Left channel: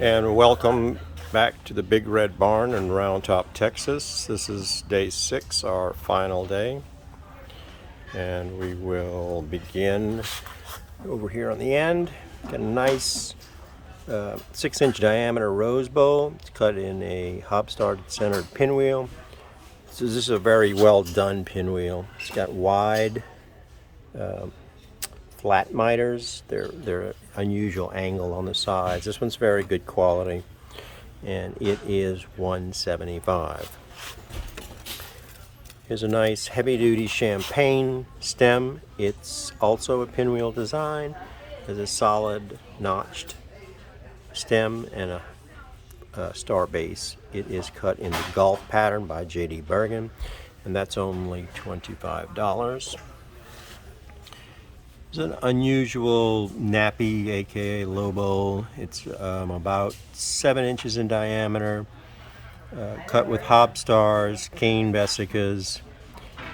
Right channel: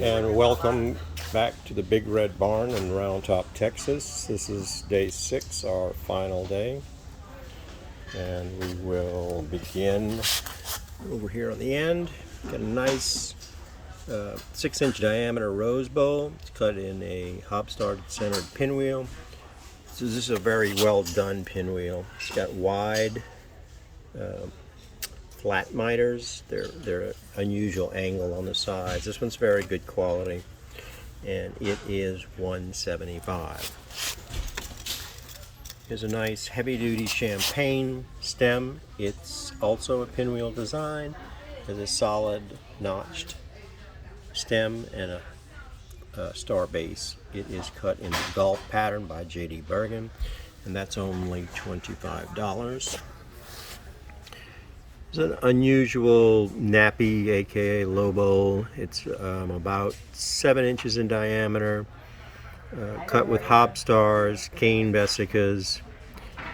And welcome back to the Big Red Barn in Round Top, Texas. This is day 6, our final day. And we will begin over here on the end. Got a nice 6-inch diameter rose bowl. It's cut in a hobstar centered pinwheel. So this is a very well done pinwheel. It's got wide flat miters. They're unusual angle on the sides. This one's very good quality, and it is $175. Here's a nice heavy-duty champagne stem. It's also a pinwheel design. There's a solid notched stem and a star base. It is cut in the Golf pattern by J.D. Bergen, and that's only $25. It's an unusual nappy, aka low bowl. It's about 7 inches in diameter, cut with hobstars, cane vesicas.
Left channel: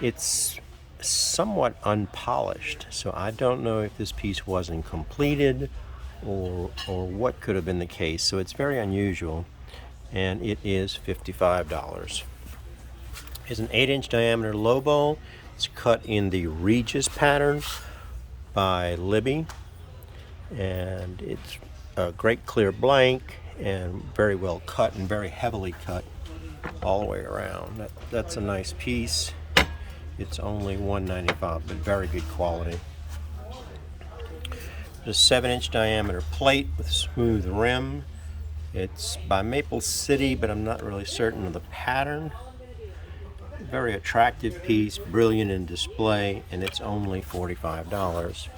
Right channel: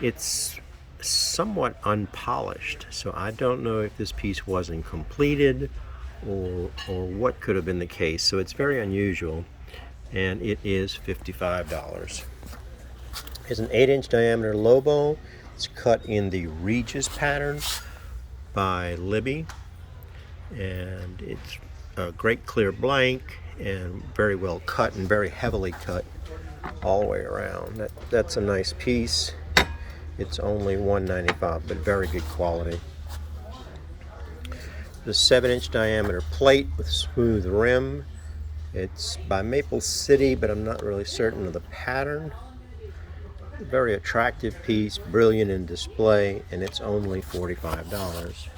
It's somewhat unpolished, so I don't know if this piece wasn't completed or what could have been the case. So it's very unusual, and it is $55. It's an 8-inch diameter low bowl. It's cut in the Regis pattern by Libby, and it's a great clear blank and very well cut and very heavily cut all the way around. That's a nice piece. It's only $195, but very good quality. There's a 7-inch diameter plate with smooth rim. It's by Maple City, but I'm not really certain of the pattern. Very attractive piece, brilliant in display, and it's only $45.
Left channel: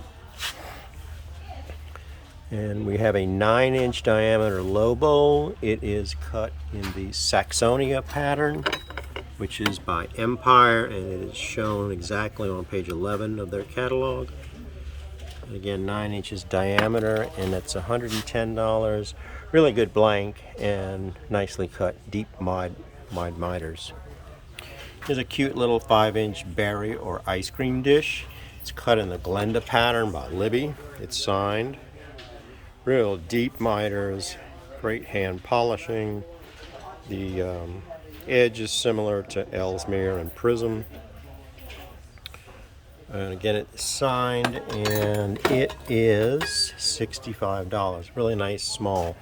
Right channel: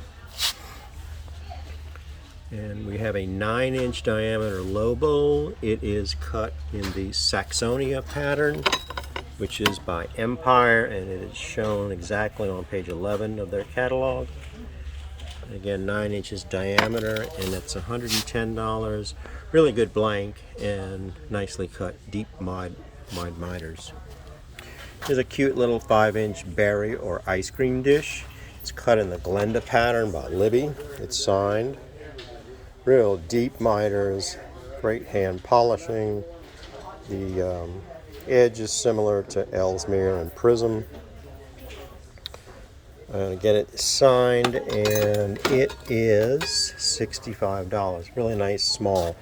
And we have a 9-inch diameter low bowl. It is cut in the Saxonia pattern, which is by Empire, and it is shown exactly on page 11 of their catalog. Again, 9 inches diameter, and it's $110. Really good blank and nicely cut, deep wide miters. Here's a cute little 5-inch berry or ice cream dish. It's cut in the Glenda pattern by Libby. It's signed. Real deep miters, great hand polishing. The edge is similar to Ellesmere and Prism. I'm going to get it signed, and it is $65. Really nice, small.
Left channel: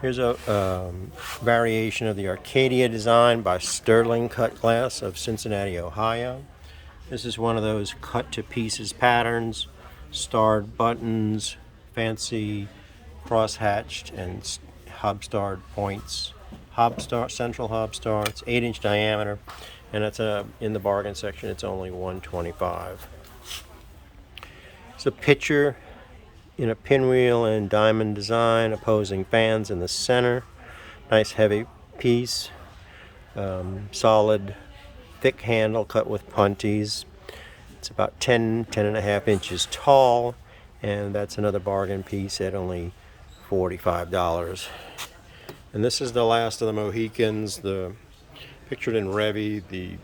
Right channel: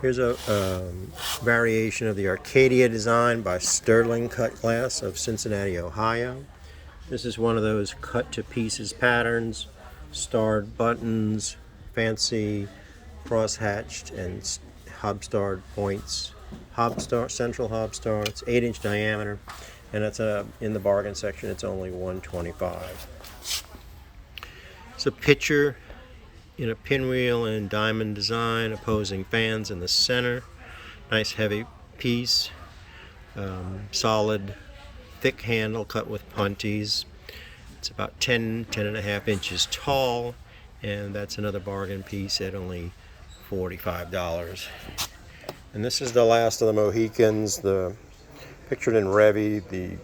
Here's a variation of the Arcadia design by Sterling Cut Glass of Cincinnati, Ohio. This is one of those cut to pieces patterns, starred buttons, fancy cross-hatched and hobstarred points. Central hobstar. It's 8-inch diameter, and it's in the bargain section. It's only $125. It's a picture in a pinwheel and diamond design, opposing fans in the center. Nice heavy piece, solid thick handle cut with punties. It's about 10.5 inches tall, and that's another bargain piece at only $45. And this is the last of the Mohicans, the pictured in Revy, the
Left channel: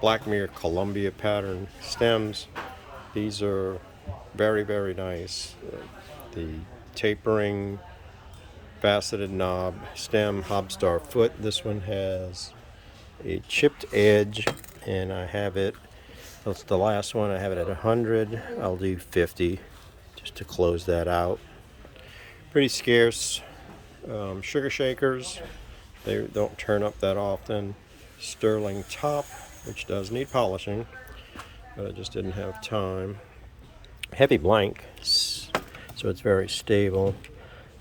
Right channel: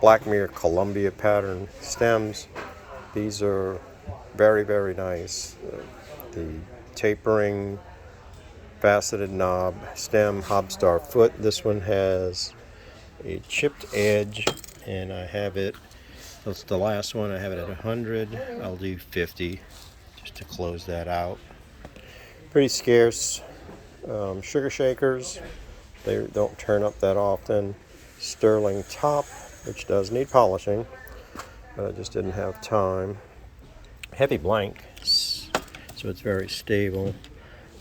Blackmere Columbia pattern stems. These are very, very nice. The tapering, faceted knob, stem, hobstar foot. This one has a chipped edge, and I have it, that's the last one, I have it at 100. I'll do 50 just to close that out. Pretty scarce. Sugar shakers, they don't turn up that often. Sterling top, which does need polishing, but I just didn't have time. Heavy blank, so it's very stable.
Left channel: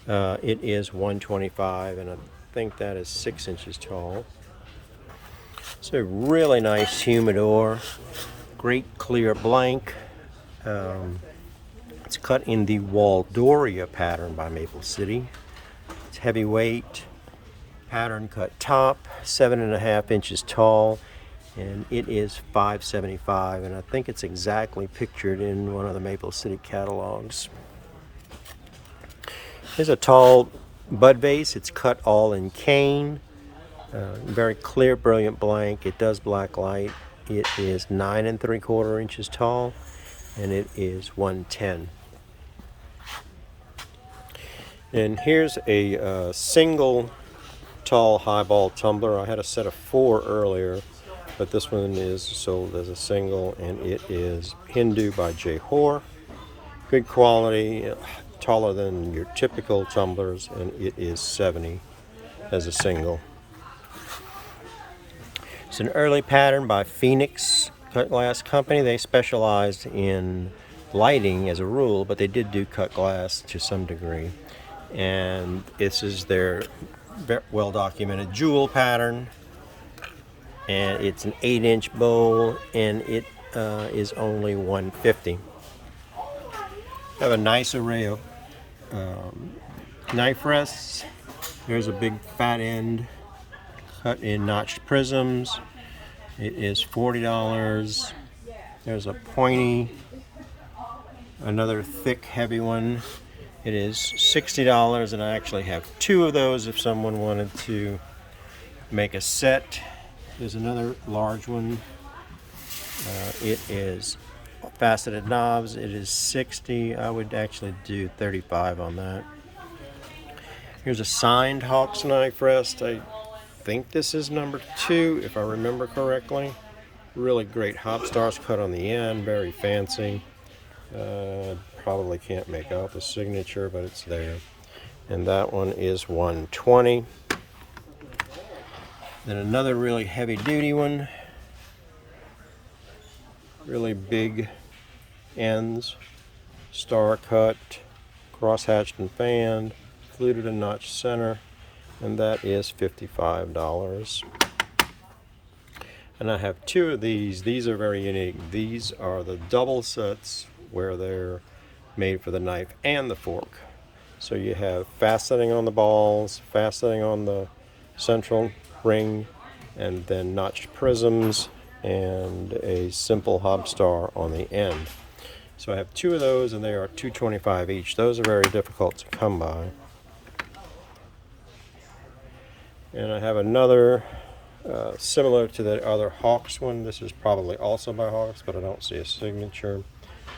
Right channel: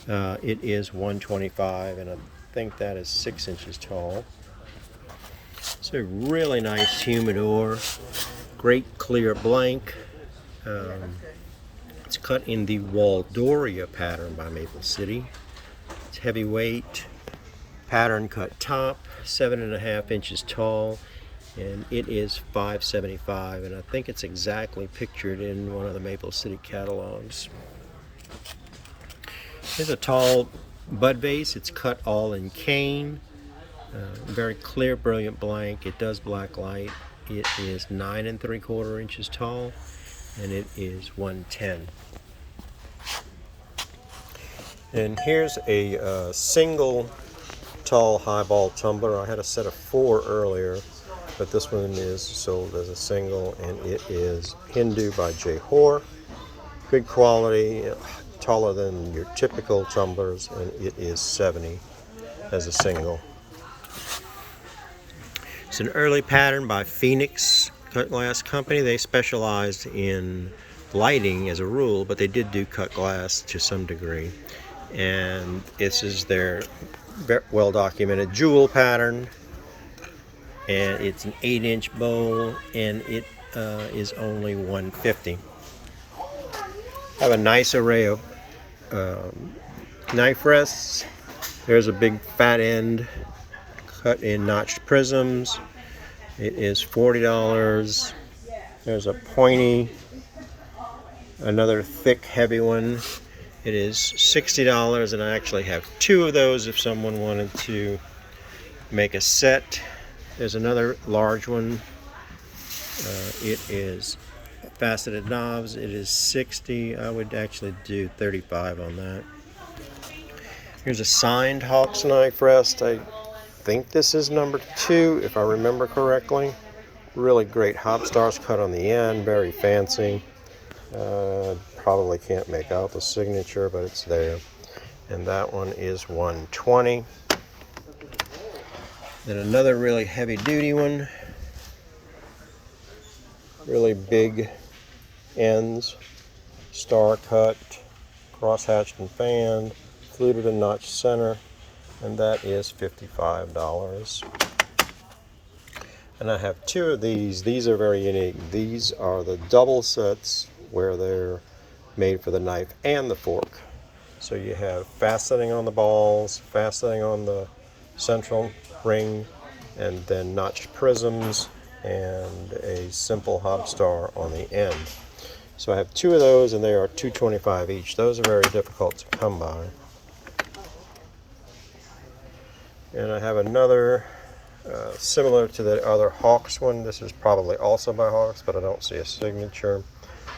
It is $125, and I think that is 6 inches tall. It's a really nice humidor, great clear blank. It's cut in the Waldoria pattern by Maple City. It's heavyweight, pattern cut top, 7.5 inches tall, and it is $575, and I think it's exactly pictured in one of the Maple City catalogs. There's a tall bud vase. It's cut all in cane. Very clear, brilliant blank. It does black light. It is 9 3/4 inches tall, and it is 110. And here's a single tall highball tumbler. I had a set of 4 earlier, but this one is sold as a single, and it is Hindu by J. Hoare. Good quality, taller than your typical tumblers, and it is 70 as a single. It's an early pattern by Phoenix Cut Glass Company. They specialized in lighting as a rule, but they did do cut glass to some degree. And this is their well documented jewel pattern, and it's an 8-inch bowl, and it is only $150. I have a nice array of knife rests. There's a big fat end cut in notched prisms. It is $40. There's a pointy, another thick heavy one. It is $60, and I actually have 2 of those if someone wanted to make a set. There's another large one. It is faceted knobs. It is $60. I would actually do $35 on that. Here's a signed Hawks knife rest. I think this is number 2, if I remember correctly. Really great hop stars cut on the end, very fancy. Probably can't make out the signature, but it's there. And that one is $120. Then another really heavy duty one. Really big ends, star cut, cross hatched and fanned, fluted and notched center, and that is $55. And I have 2 of these. These are very unique. These are the double sets where they're made for the knife and the fork. So you have faceting on the balls, faceting on the central ring, and then notched prisms and a simple hop star on the end. So I have 2 of those, and they are $225 each. Those are very difficult to come by. And I have another similar to the other Hawks one. This is probably also by Hawks, but I don't see a signature.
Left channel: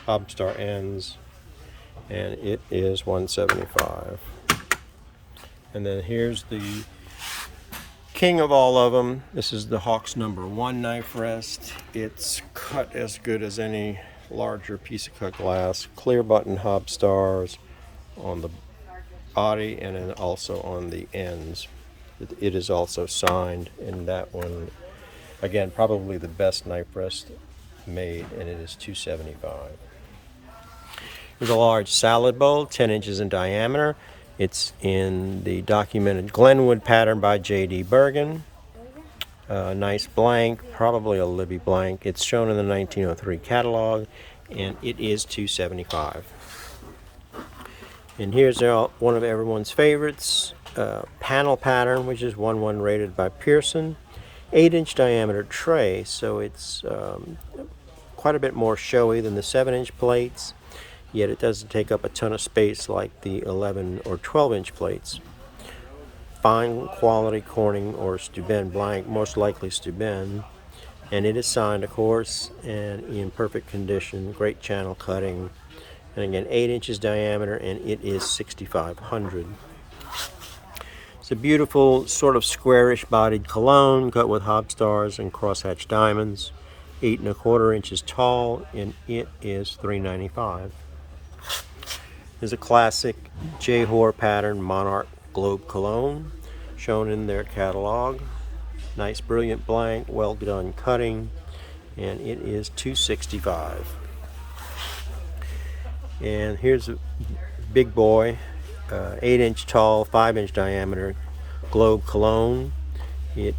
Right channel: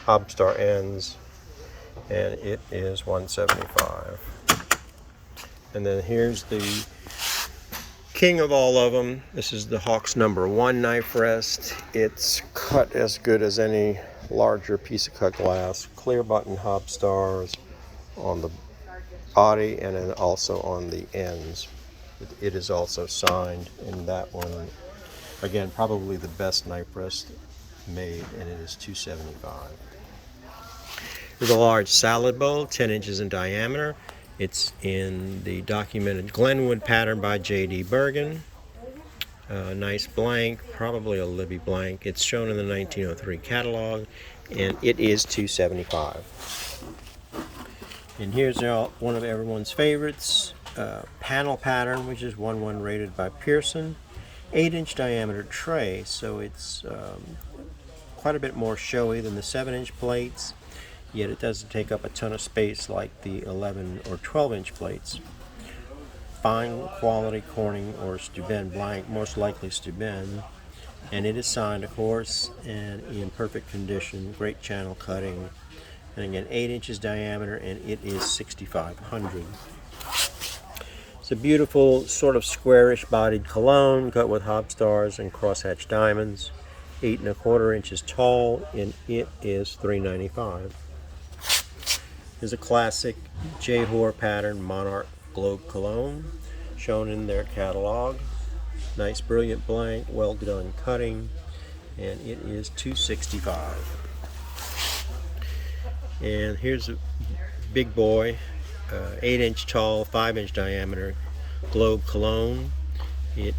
Hop star ends, and it is $175. And then here's the king of all of them. This is the Hawks number 1 knife rest. It's cut as good as any larger piece of cut glass. Clear button hop stars on the body and then also on the ends. It is also signed, and that one, again, probably the best knife rest made, and it is $275. There's a large salad bowl, 10 inches in diameter. It's in the documented Glenwood pattern by J.D. Bergen. Nice blank, probably a Libby blank. It's shown in the 1903 catalog, and it is $275. And here's one of everyone's favorites, panel pattern, which is 1-1 rated by Pearson. 8-inch diameter tray, so it's quite a bit more showy than the 7-inch plates. Yet it doesn't take up a ton of space like the 11 or 12-inch plates. Fine quality Corning or Steuben blank, most likely Steuben, and it is signed, of course, and in perfect condition. Great channel cutting, and again 8 inches diameter, and it is $6,500. It's a beautiful sort of squarish bodied cologne cut with hop stars and crosshatch diamonds. 8 1/4 inches tall, and it is $395. There's a classic J. Hoare pattern Monarch Globe Cologne shown in their catalog. Nice brilliant blank, well done cutting, and it is $265. And here's a big boy, 8-inch tall, 5-inch diameter Globe Cologne. It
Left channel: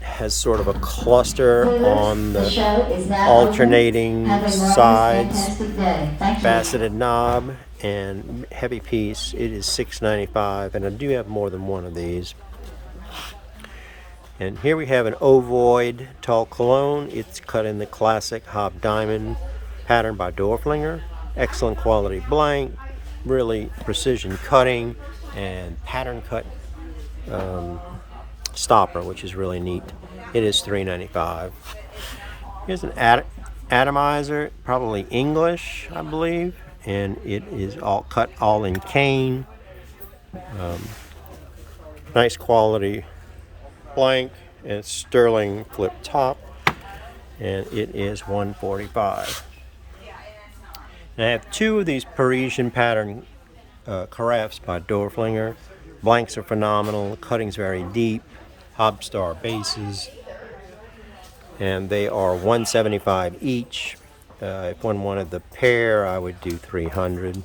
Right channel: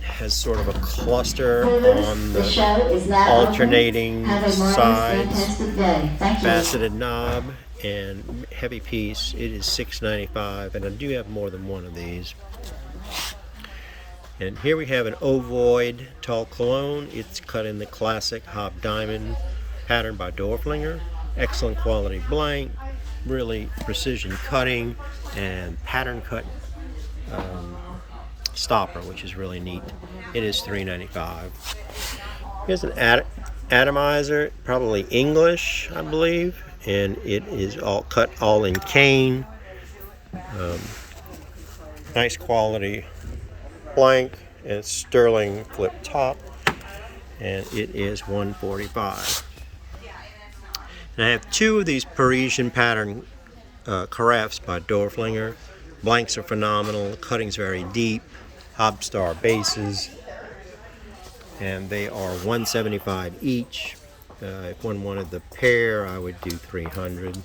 has sort of a cluster on the alternating sides, faceted knob, and heavy piece. It is $695, and I do have more than one of these. And here we have an ovoid tall cologne. It's cut in the classic Hob Diamond pattern by Dorflinger. Excellent quality blank, really precision cutting, and pattern cut stopper, which is really neat. It is $395. Here's an atomizer, probably English, I believe, and it is all cut all in cane. Nice quality blank and sterling flip top, and it is $145. And I have two of these Parisian pattern carafes by Dorflinger. Blanks are phenomenal. The cutting's very deep. Hobstar bases, and they are $175 each. If one wanted the pair, I would do $300.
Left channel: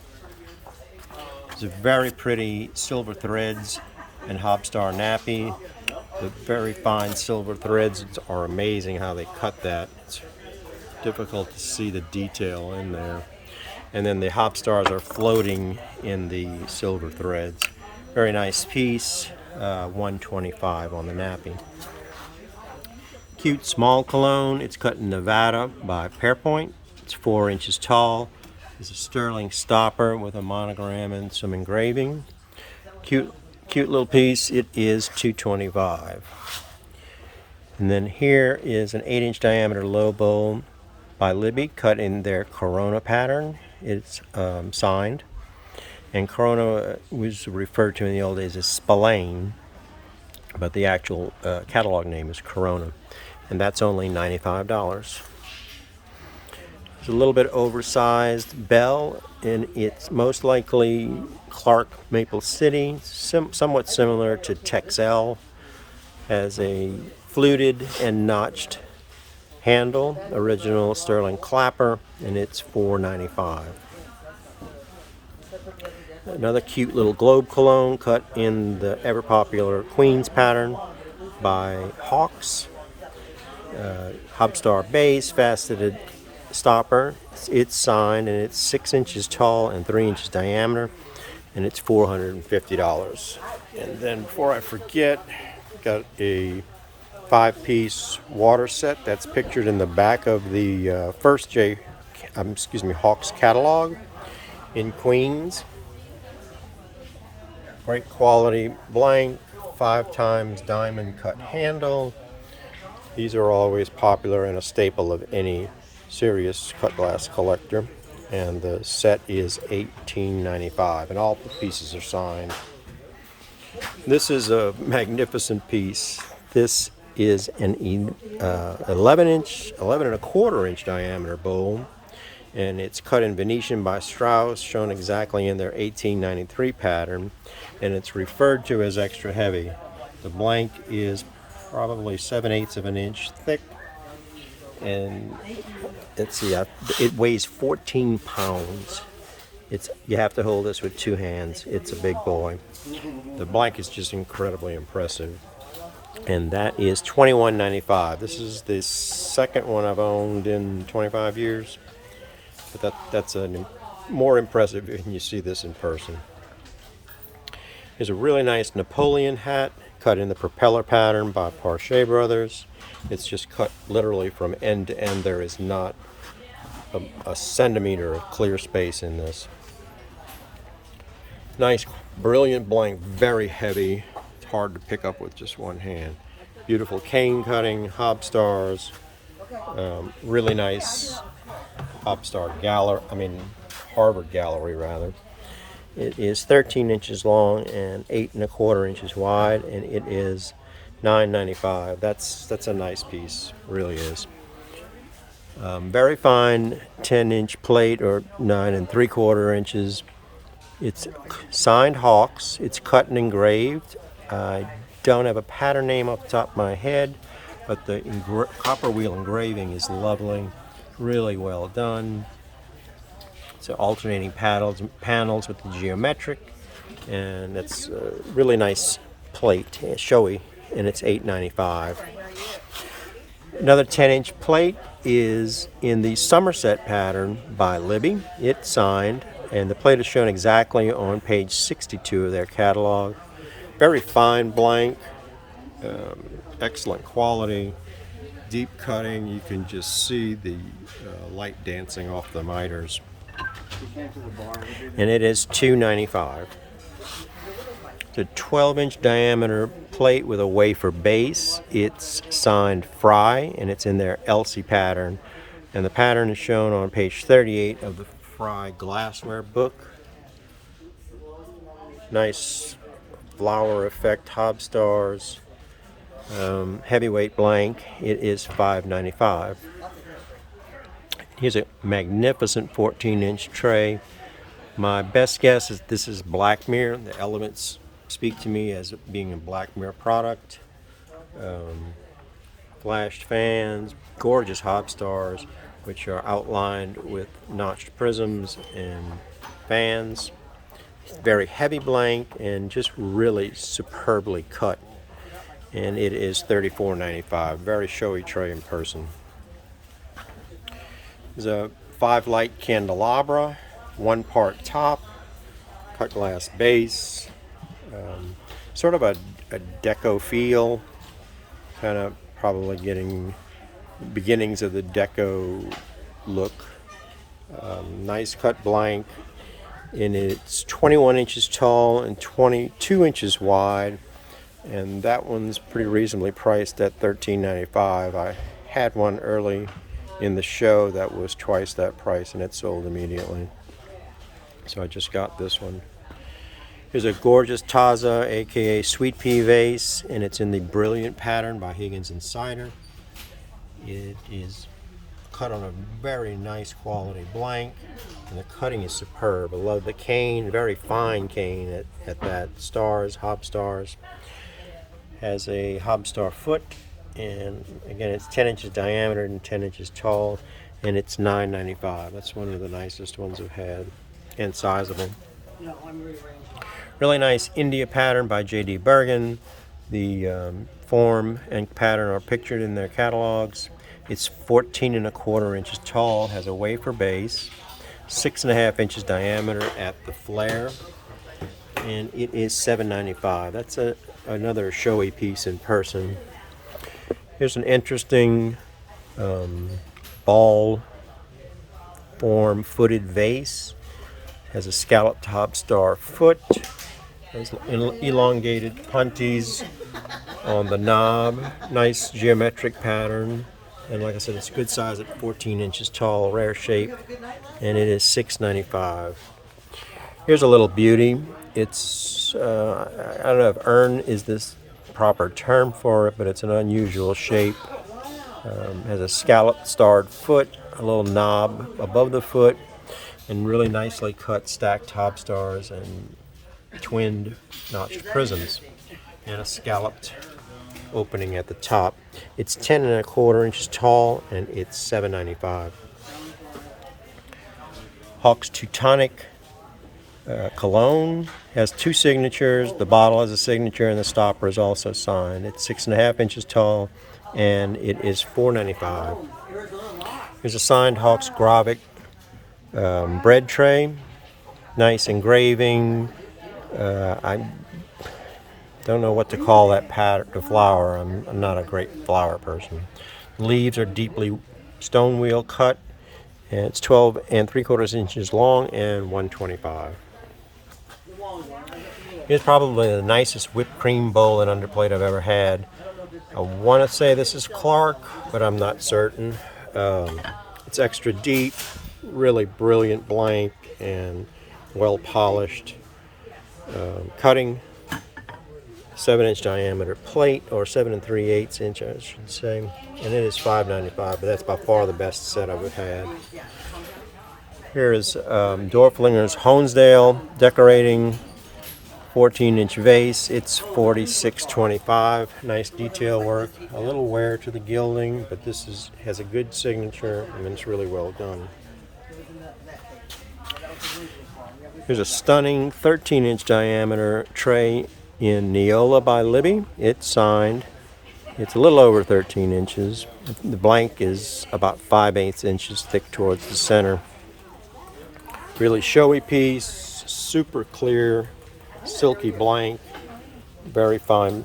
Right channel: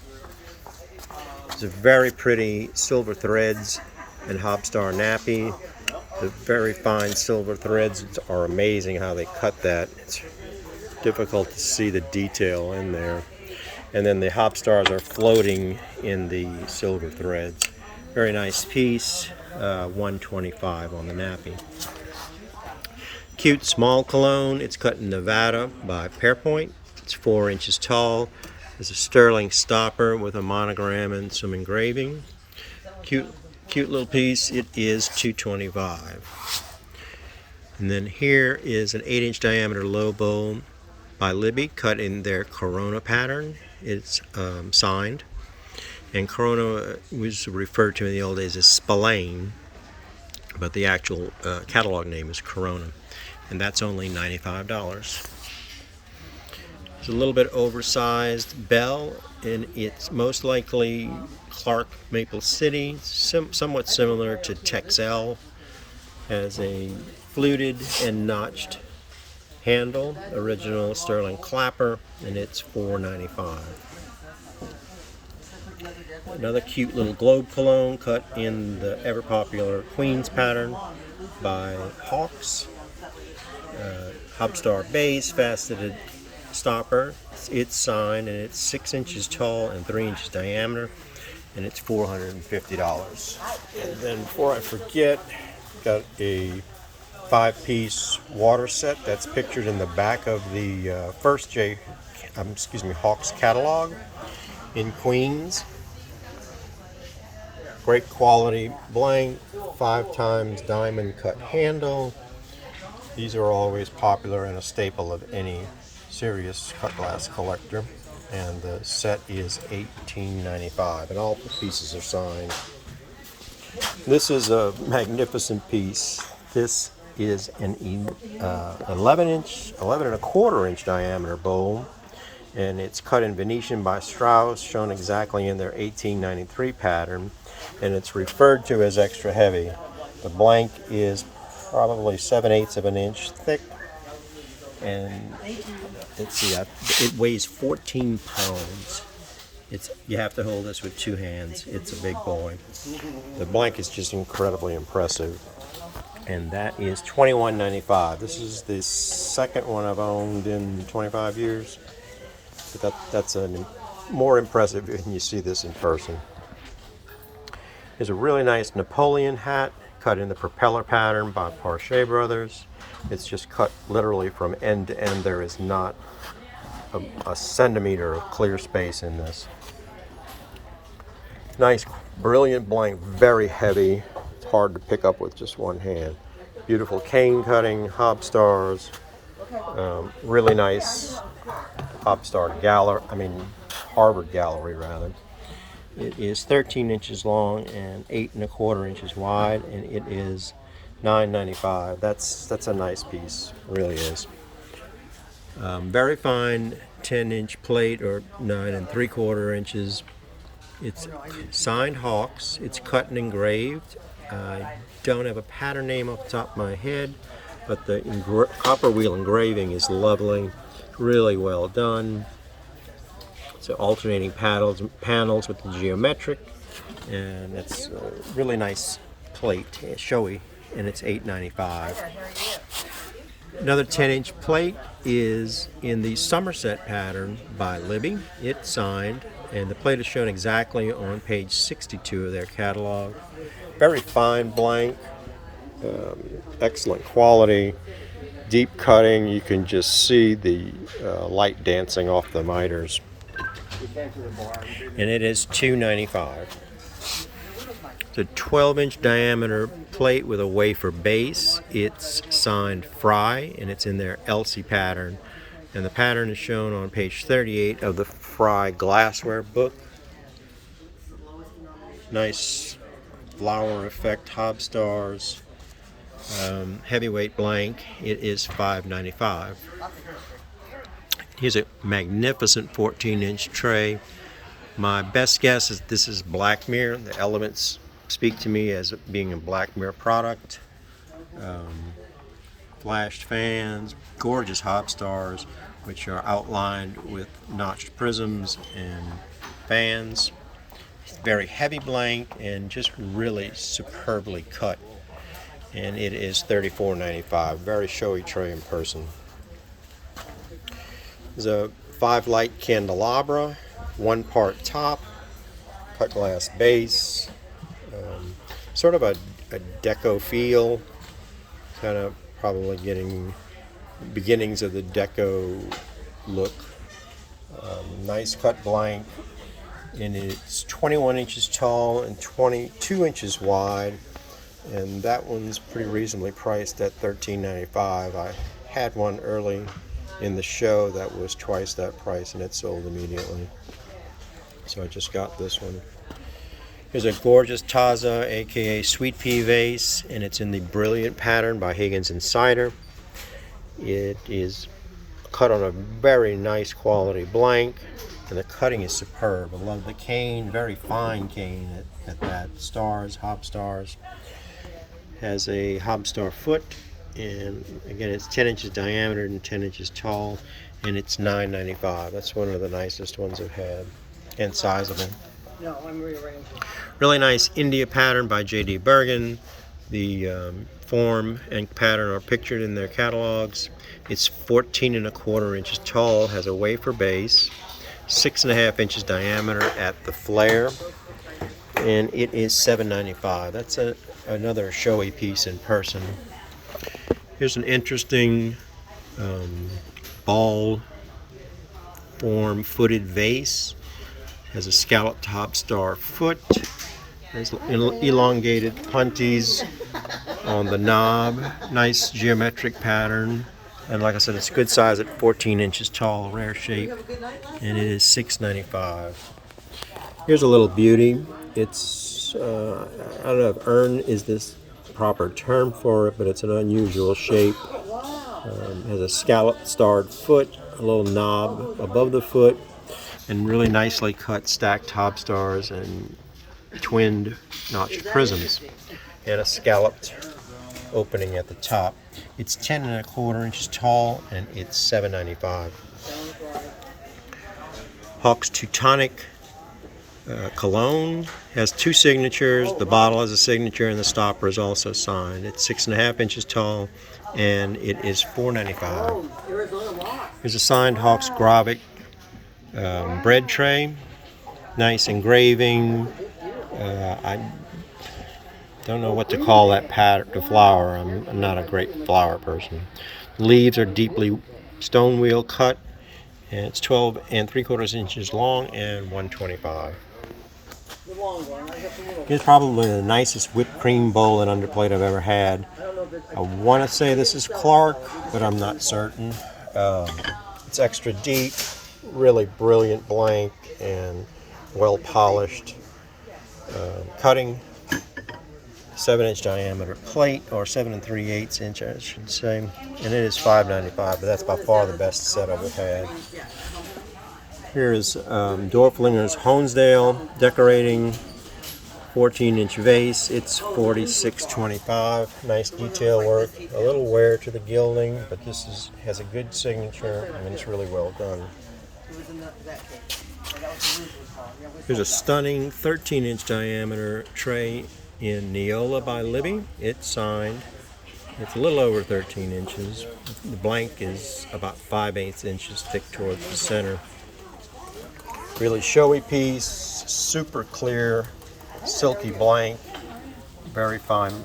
It's a very pretty silver threads and Hobstar nappy. The very fine silver threads are amazing how they cut that. It's difficult to see the detail in there. And then the Hobstars are floating in the silver threads. Very nice piece, $125 on the nappy. Cute small cologne. It's cut in Nevada by Pearpoint. It's 4 inches tall. There's a sterling stopper with a monogram and some engraving. Cute little piece. It is $225. And then here is an 8-inch diameter low bowl by Libby, cut in their Corona pattern. It's signed. And Corona was referred to in the old days as Spillane, but the actual catalog name is Corona. And that's only $95. It's a little bit oversized bell, and it's most likely Clark Maple City, somewhat similar to Texel. Has a fluted and notched handle, original sterling clapper, and it's $4.95. Another cute little globe cologne cut in the ever popular Queen's pattern by Hawks. Hobstar base, faceted stopper. It's signed, and it's 6 inches tall and 3 inches diameter, and it's $450. And then before I forget, got a 5-piece water set that's pictured in the back of the Hawks catalog in Queens. Great quality blank, 5 times diamond cut handle. These are always popular and a staple of any serious cut glass collector. And the set is $18.95, and all the pieces are signed. This is a magnificent piece. This is an 11 and a quarter inch diameter bowl, and it's cut in Venetian by Strauss, shown exactly in their 1893 pattern, and it's referred to as extra heavy. The blank is probably 7/8 of an inch thick, and let's see, it weighs 14 pounds. You have to hold this with 2 hands. It's a big boy. The blank is just incredibly impressive, and that is $21.95. This is the second one I've owned in 25 years, but that's more impressive when you see this in person. There's a really nice Napoleon hat cut in the propeller pattern by Parche Brothers. It's just cut literally from end to end. There is not a centimeter of clear space in this. Nice, brilliant blank, very heavy. It's hard to pick up with just one hand. Beautiful cane cutting, Hobstars, really nice Hobstar Harvard gallery rather. It is 13 inches long and 8 1/4 inches wide, and it is $9.95. That's a nice piece, really is. Very fine 10-inch plate, or 9 3/4 inches. It's signed Hawks. It's cut and engraved. I don't have a pattern name off the top of my head, but the copper wheel engraving is lovely, really well done. So alternating panels with the geometric, and it's a really nice plate, showy, and it's $8.95. Another 10-inch plate is in the Somerset pattern by Libby. It's signed, and the plate is shown exactly on page 62 of their catalog. Very fine blank, excellent quality, deep cutting. You can just see the light dancing off the miters. And it is $2.95. It's a 12-inch diameter plate with a wafer base. It's signed Fry, and it's in their Elsie pattern And the pattern is shown on page 38 of the Fry Glassware book. Nice flower effect Hob stars. Heavyweight blank. It is $5.95. Here's a magnificent 14-inch tray. My best guess is this is Blackmere. The elements speak to me as being a Blackmere product. Flashed fans, gorgeous Hob stars, which are outlined with notched prisms and fans. Very heavy blank and just really superbly cut. And it is $34.95. Very showy tray in person. There's a 5-light candelabra, 1-part top, cut glass base, sort of a deco feel, kind of probably getting beginnings of the deco look. Nice cut blank, and it's 21 inches tall and 22 inches wide, and that one's pretty reasonably priced at $13.95. I had one early in the show that was twice that price, and it sold immediately. So I just got this one. Here's a gorgeous Taza, aka Sweet Pea vase, and it's in the Brilliant pattern by Higgins and Cider. It is cut on a very nice quality blank, and the cutting is superb. I love the cane, very fine cane at that. Stars, Hob stars. Has a Hob star foot, and again it's 10 inches diameter and 10 inches tall, and it's $9.95. That's one of the nicest ones I've had, and sizable. No, I'm rearranging. Really nice India pattern by J.D. Bergen. The form and pattern are pictured in their catalogs. It's 14.25 inches tall, has a wafer base, 6.5 inches diameter at the flare, and it is $7.95. That's another showy piece in person. Here's an interesting ball form footed vase. Has a scalloped Hob star foot. Has elongated punties on the knob. Nice geometric pattern. And like I said, it's good size at 14 inches tall, rare shape. And it is $6.95. Here's a little beauty. It's, I don't know if urn is this proper term for it, but it's an unusual shape. Has a scalloped starred foot, a little knob above the foot, and really nicely cut stacked Hob stars and twinned notched prisms, and a scalloped opening at the top. It's 10.25 inches tall, and it's $7.95. Hawk's Teutonic cologne has 2 signatures. The bottle has a signature, and the stopper is also signed. It's 6.5 inches tall, and it is $4.95. Here's a signed Hawk's Gravik bread tray. Nice engraving. I don't know what to call that pattern, the flower. I'm not a great flower person. Leaves are deeply stone wheel cut, and it's 12.75 inches long and $1.25. Here's probably the nicest whipped cream bowl and underplate I've ever had. I want to say this is Clark, but I'm not certain. It's extra deep, really brilliant blank, and well polished. Cutting, 7-inch diameter plate, or 7 3/8 inch, I should say, and it is $5.95. But that's by far the best set I've had. Here is Dorflinger's Honesdale decorating 14-inch vase. It's $46.25. Nice detail work, a little wear to the gilding, but this has a good signature, and it's really well done. Here's a stunning 13-inch diameter tray in Neola by Libby. It's signed. It's a little over 13 inches. The blank is about 5/8 inches thick towards the center. Really showy piece, super clear, silky blank, very fine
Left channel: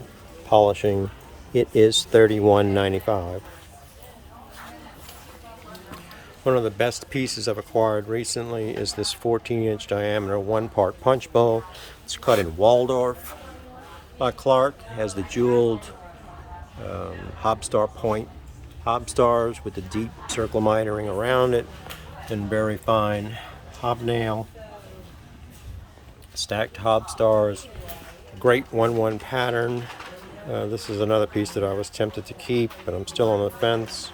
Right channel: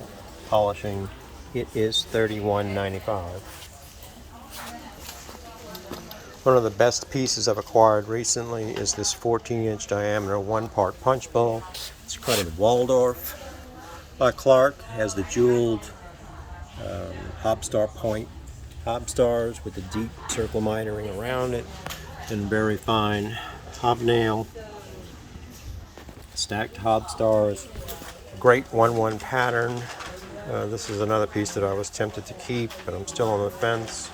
polishing. It is $31.95. One of the best pieces I've acquired recently is this 14-inch diameter 1-part punch bowl. It's cut in Waldorf by Clark. It has the jeweled Hob star point hob stars with the deep circle mitering around it, and very fine hobnail. Stacked hob stars. Great 1-1 pattern. This is another piece that I was tempted to keep, but I'm still on the fence.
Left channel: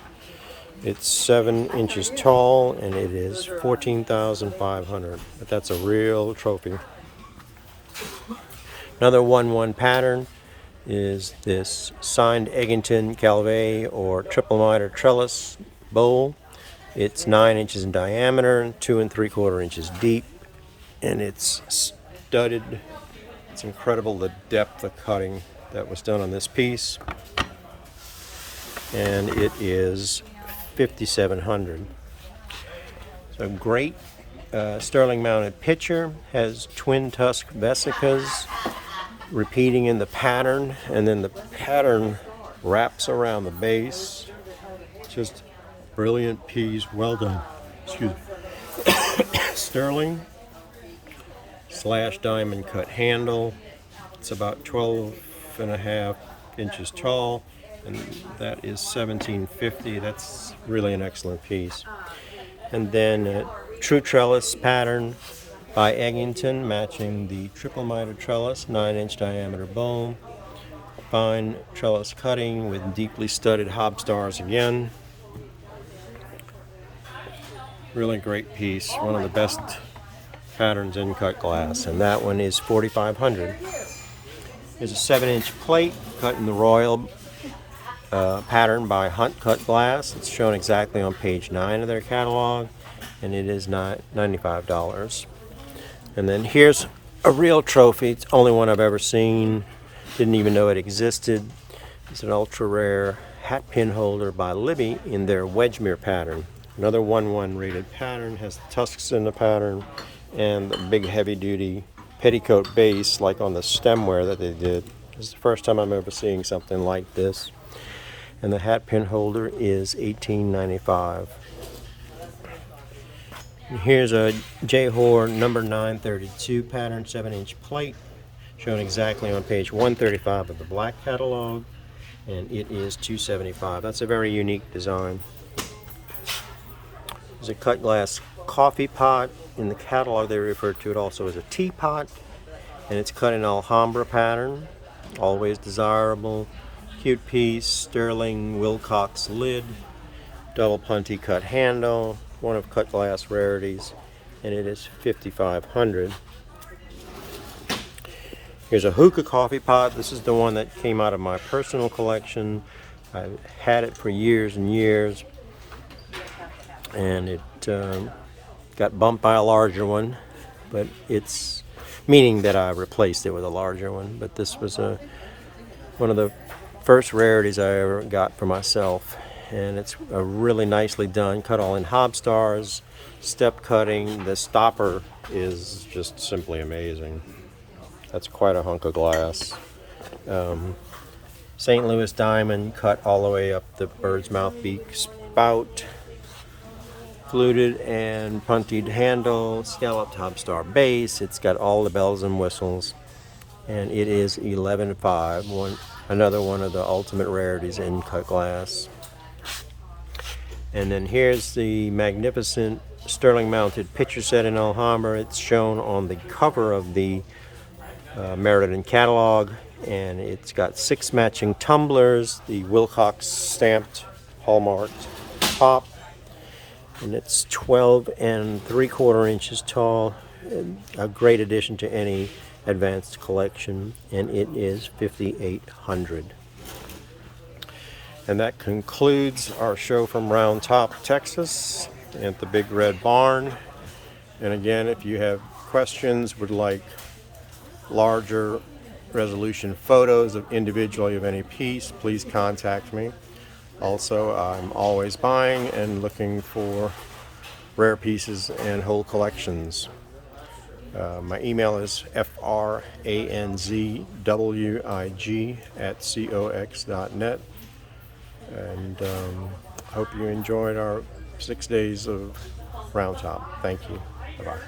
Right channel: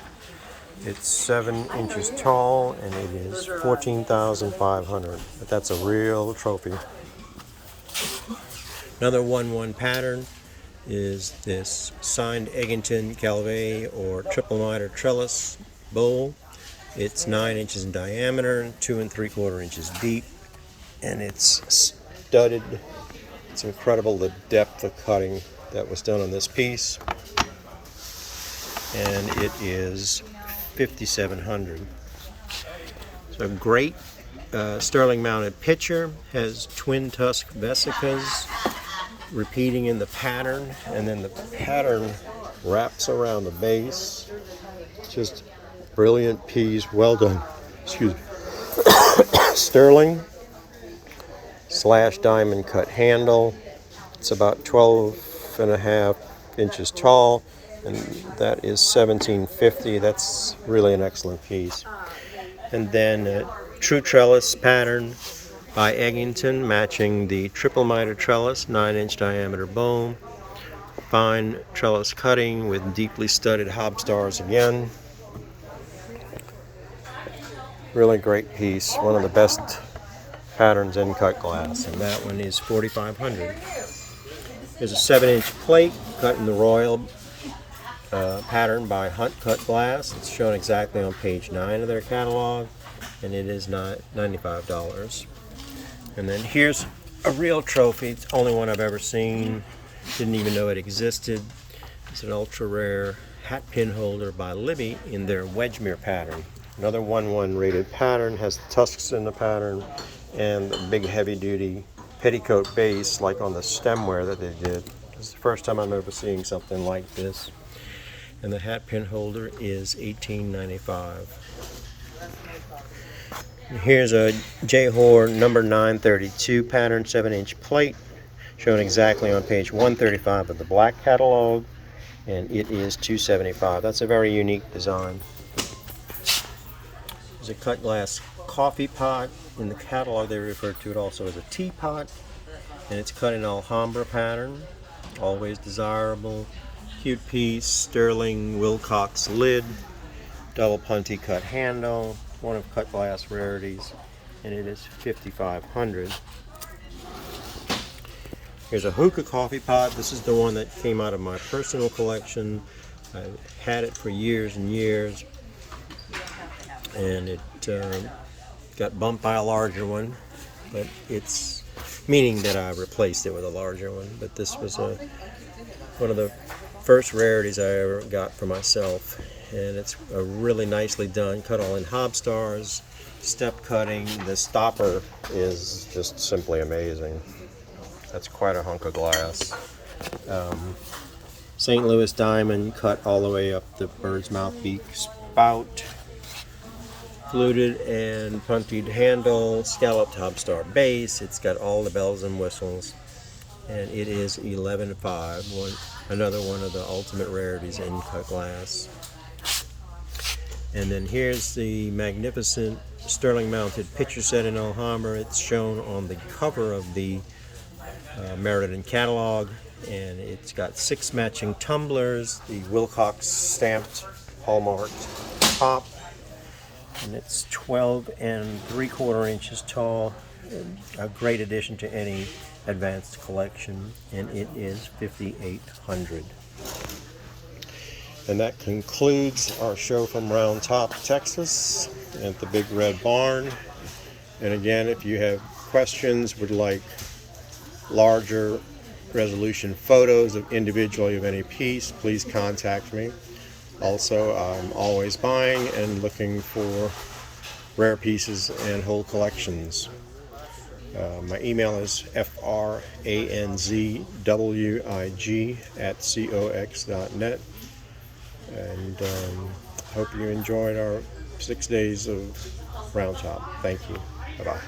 It's 7 inches tall and it is $14,500. But that's a real trophy. Another 1-1 pattern is this signed Eggington Calvé or triple miter trellis bowl. It's 9 inches in diameter, 2 3/4 inches deep, and it's studded. It's incredible the depth of cutting that was done on this piece, and it is $5,700. So great sterling mounted pitcher, has twin tusk vesicas repeating in the pattern, and then the pattern wraps around the base. Just brilliant piece, well done. Excuse me. Sterling slash diamond cut handle. It's about 12.5 inches tall, and that is $1,750. That's really an excellent piece. And then a true trellis pattern by Eggington, matching the triple miter trellis, 9-inch diameter bowl. Fine trellis cutting with deeply studded hob stars again. Really great piece, one of the best patterns in cut glass, and that one is $4,500. There's a 7-inch plate cut in the royal pattern by Hunt Cut Glass. It's shown exactly on page 9 of their catalog, and it is $95. And then here's a real trophy. It's the only one I've ever seen. Didn't even know it existed. It's an ultra rare hat pin holder by Libby in their Wedgmere pattern. Another 1-1 rated pattern, has the tusks in the pattern and the big heavy duty petticoat base like on the stemware that they did. This is the first time I'm ever seeing something like this. And the hat pin holder is $18.95. Here's a J-Hor number 932 pattern, 7-inch plate, shown exactly on page 135 of the black catalog, and it is $275. That's a very unique design. There's a cut glass coffee pot. In the catalog they refer to it also as a teapot, and it's cut in Alhambra pattern. Always desirable. Cute piece. Sterling Wilcox lid, double punty cut handle, one of cut glass rarities, and it is $5,500. Here's a hookah coffee pot. This is the one that came out of my personal collection. I had it for years and years, and it got bumped by a larger one, but it's meaning that I replaced it with a larger one. But this was one of the first rarities I ever got for myself, and it's really nicely done, cut all in hob stars, step cutting. The stopper is just simply amazing. That's quite a hunk of glass. St. Louis diamond cut all the way up the bird's mouth beak spout. Fluted and punted handle, scalloped hob star base. It's got all the bells and whistles, and it is $11.05. Another one of the ultimate rarities in cut glass. And then here's the magnificent sterling mounted pitcher set in Alhambra. It's shown on the cover of the Meriden catalog, and it's got 6 matching tumblers, the Wilcox stamped hallmarked top, and it's 12 3/4 inches tall. A great addition to any advanced collection, and it is $5,800. And that concludes our show from Round Top, Texas, at the Big Red Barn. And again, if you have questions, would like larger resolution photos of individually of any piece, please contact me. Also, I'm always buying and looking for rare pieces and whole collections. My email is franzwig@cox.net, and hope you enjoyed our 6 days of Round Top. Thank you. Bye-bye.